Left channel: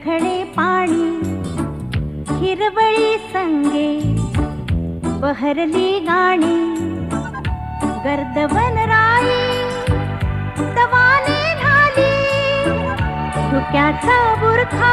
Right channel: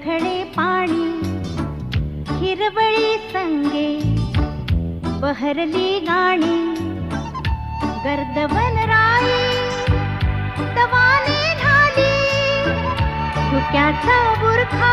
खडे पाणी हिरवळी संगे बहरली गाणी गर्दवन राई तवाने झाली धुक्याचा बुरखा